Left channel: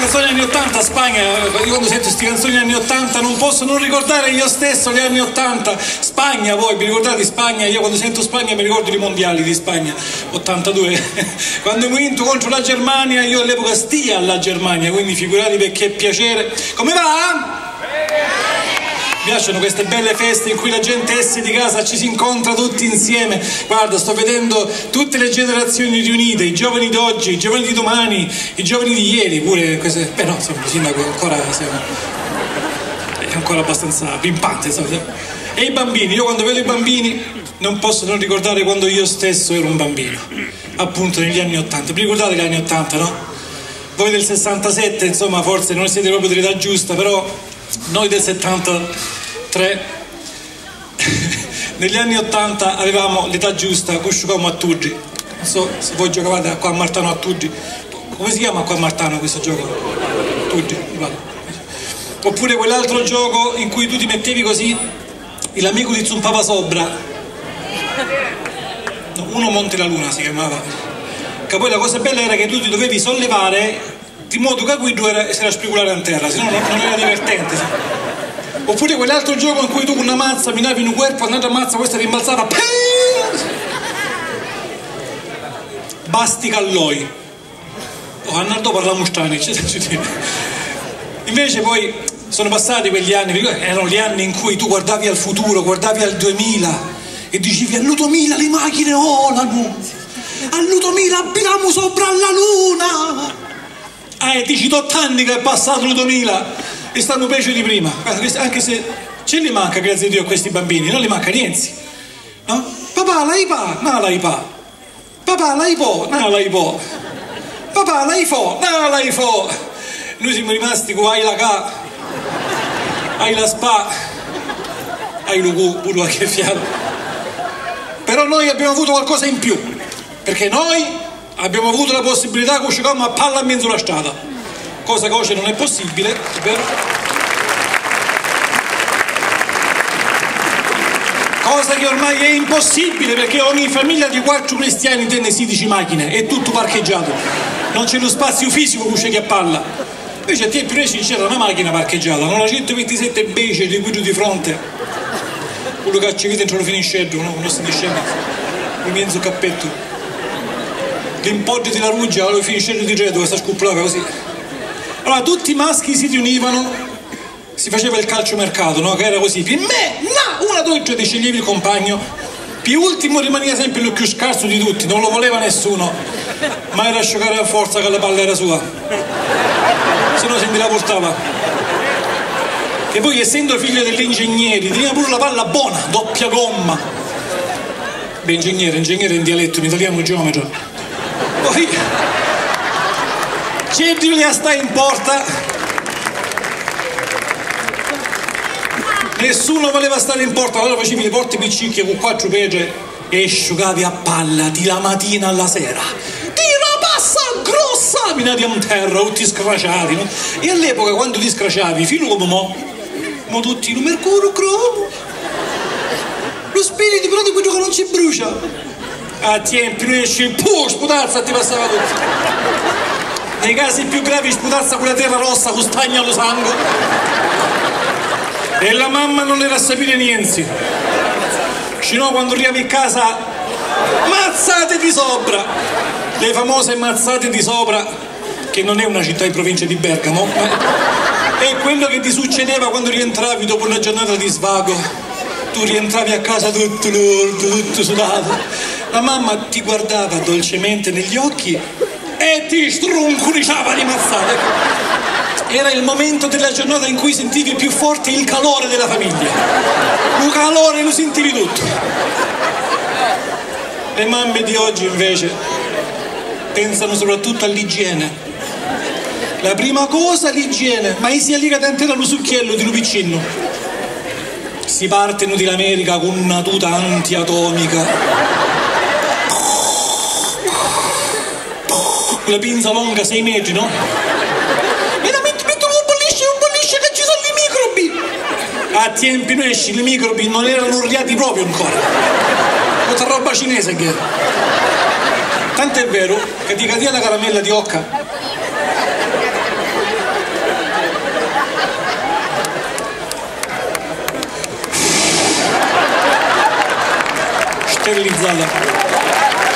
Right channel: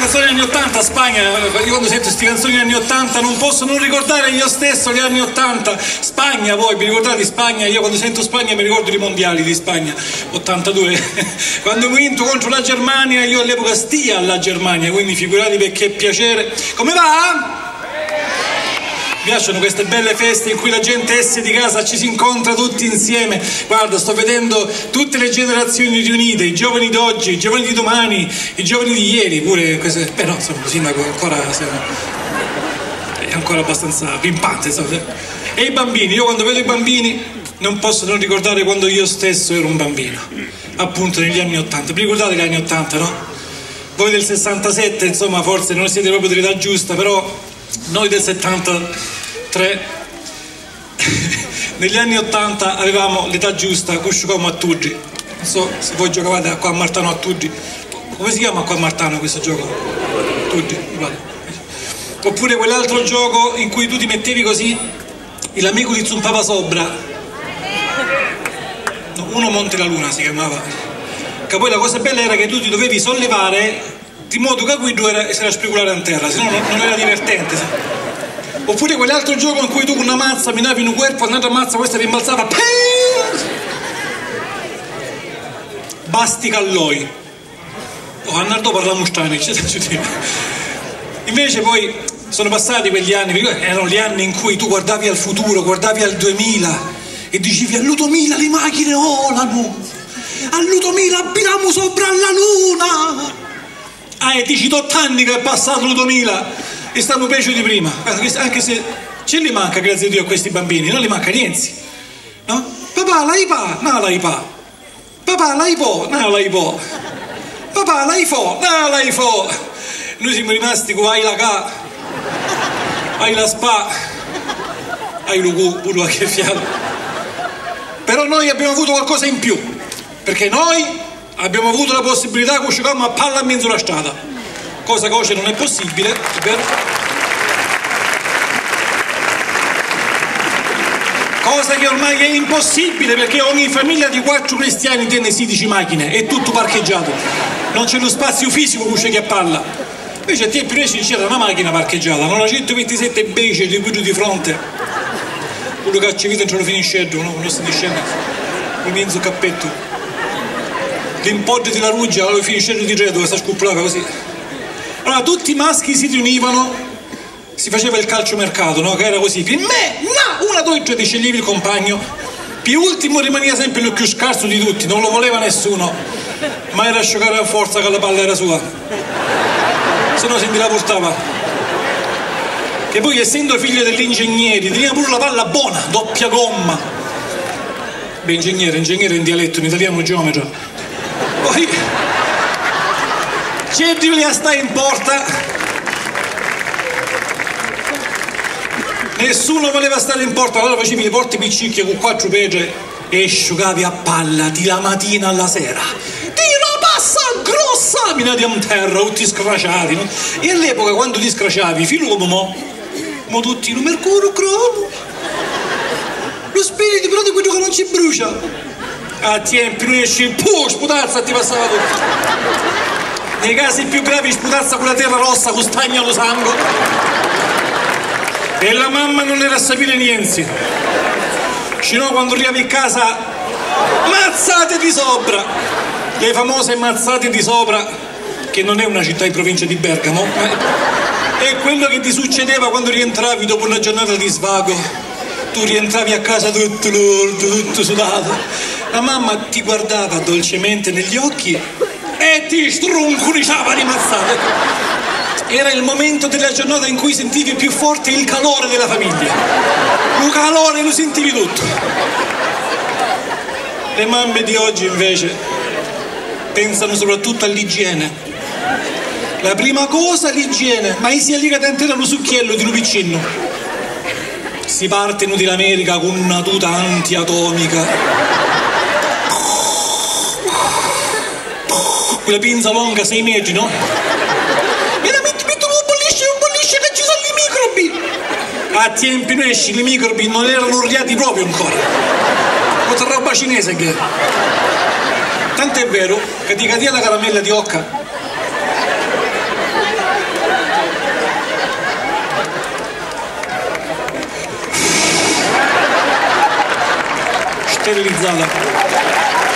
canzoni anni 80, Spagna, io quando sento queste canzoni anni 80 non posso non ricordare io stesso gli anni 80. Spagna, voi vi ricordate Spagna? Io quando sento Spagna mi ricordo i mondiali di Spagna 82 quando ho vinto contro la Germania. Io all'epoca stia alla Germania, quindi figuratevi che piacere. Come va? Mi piacciono queste belle feste in cui la gente esce di casa, ci si incontra tutti insieme. Guarda, sto vedendo tutte le generazioni riunite, i giovani d'oggi, i giovani di domani, i giovani di ieri, pure queste... Beh no, insomma, il sindaco è ancora abbastanza pimpante, insomma. E i bambini, io quando vedo i bambini non posso non ricordare quando io stesso ero un bambino, appunto negli anni 80. Vi ricordate gli anni 80, no? Voi del 67, insomma, forse non siete proprio dell'età giusta, però noi del 73 negli anni 80 avevamo l'età giusta, uscivamo a Tuggi. Non so se voi giocavate qua a Martano a Tuggi. Come si chiama qua a Martano questo gioco? Tuggi, vale. Oppure quell'altro gioco in cui tu ti mettevi così e l'amico ti zumpava sopra. No, uno Monte la Luna si chiamava. Che poi la cosa bella era che tu ti dovevi sollevare di modo che guido era speculare a terra, se no non era divertente. Oppure quell'altro gioco in cui tu con una mazza minavi in un corpo, un'altra mazza, questa rimbalzava. Basti Calloi. Oh, Arnaldo parlavamo strani. Invece poi sono passati quegli anni, erano gli anni in cui tu guardavi al futuro, guardavi al 2000 e dicevi al 2000 le macchine volano, al 2000 abitiamo sopra alla luna. E dici 8 anni che è passato il 2000 e stanno peggio di prima. Anche se ce li manca, grazie a Dio, a questi bambini, non li manca niente, no? Papà l'hai pa, no l'hai pa. Papà l'hai po, no l'hai po. Papà l'hai fo, no l'hai fo. Noi siamo rimasti con hai la ca, hai la spa, hai lo cu, pure che fiato. Però noi abbiamo avuto qualcosa in più, perché noi abbiamo avuto la possibilità che giocavamo a palla in mezzo alla strada, cosa che oggi non è possibile, vero? Cosa che ormai è impossibile, perché ogni famiglia di 4 cristiani tiene 16 macchine, è tutto parcheggiato, non c'è lo spazio fisico che giochi a palla. Invece a te più c'era una macchina parcheggiata, non la 127 Bece di guido di fronte, quello che ci vede non lo finisce, no? Non si dice con mezzo cappetto. L'impoggio di la ruggia lo finisce di retro, questa scuppolata così. Allora tutti i maschi si riunivano, si faceva il calciomercato, no? Che era così, per me, no, 1, 2, 3 ti sceglievi il compagno, più ultimo rimaneva sempre il più scarso di tutti, non lo voleva nessuno, ma era a giocare a forza che la palla era sua, se no se me la portava. Che poi essendo figlio degli ingegneri teneva pure la palla buona, doppia gomma. Beh, ingegnere in dialetto, in italiano geometra. Poi c'è di lì a stare in porta, nessuno voleva stare in porta, allora facevi le porte piccicche con 4 pege e sciugavi a palla di la mattina alla sera. Tira passa grossa, minati a terra, tutti scrociati, no? E all'epoca quando ti scrociavi, fino come mo tutti, il mercurio cromo, lo spirito però di quello che non ci brucia. A tempi non esce, sputazza ti passava tutto. Nei casi più gravi sputazza con la terra rossa con stagna lo sangue. E la mamma non era a sapere niente. Sino quando arrivavi a casa, mazzate di sopra. Le famose mazzate di sopra, che non è una città in provincia di Bergamo, ma è quello che ti succedeva quando rientravi dopo una giornata di svago. Tu rientravi a casa tutto lordo, tutto sudato. La mamma ti guardava dolcemente negli occhi e ti strunculiciava di mazzate. Era il momento della giornata in cui sentivi più forte il calore della famiglia. Un calore lo sentivi tutto. Le mamme di oggi invece pensano soprattutto all'igiene. La prima cosa l'igiene, ma si alliga dentro lo succhiello di Lupicino. Si parte in America con una tuta antiatomica. Quella pinza longa 6 metri, no? Veramente metto un bollisce che ci sono i microbi. A tempi nostri i microbi non erano orriati proprio ancora. Questa roba cinese che era. Tant'è vero che ti cadeva la caramella di occa realizzata.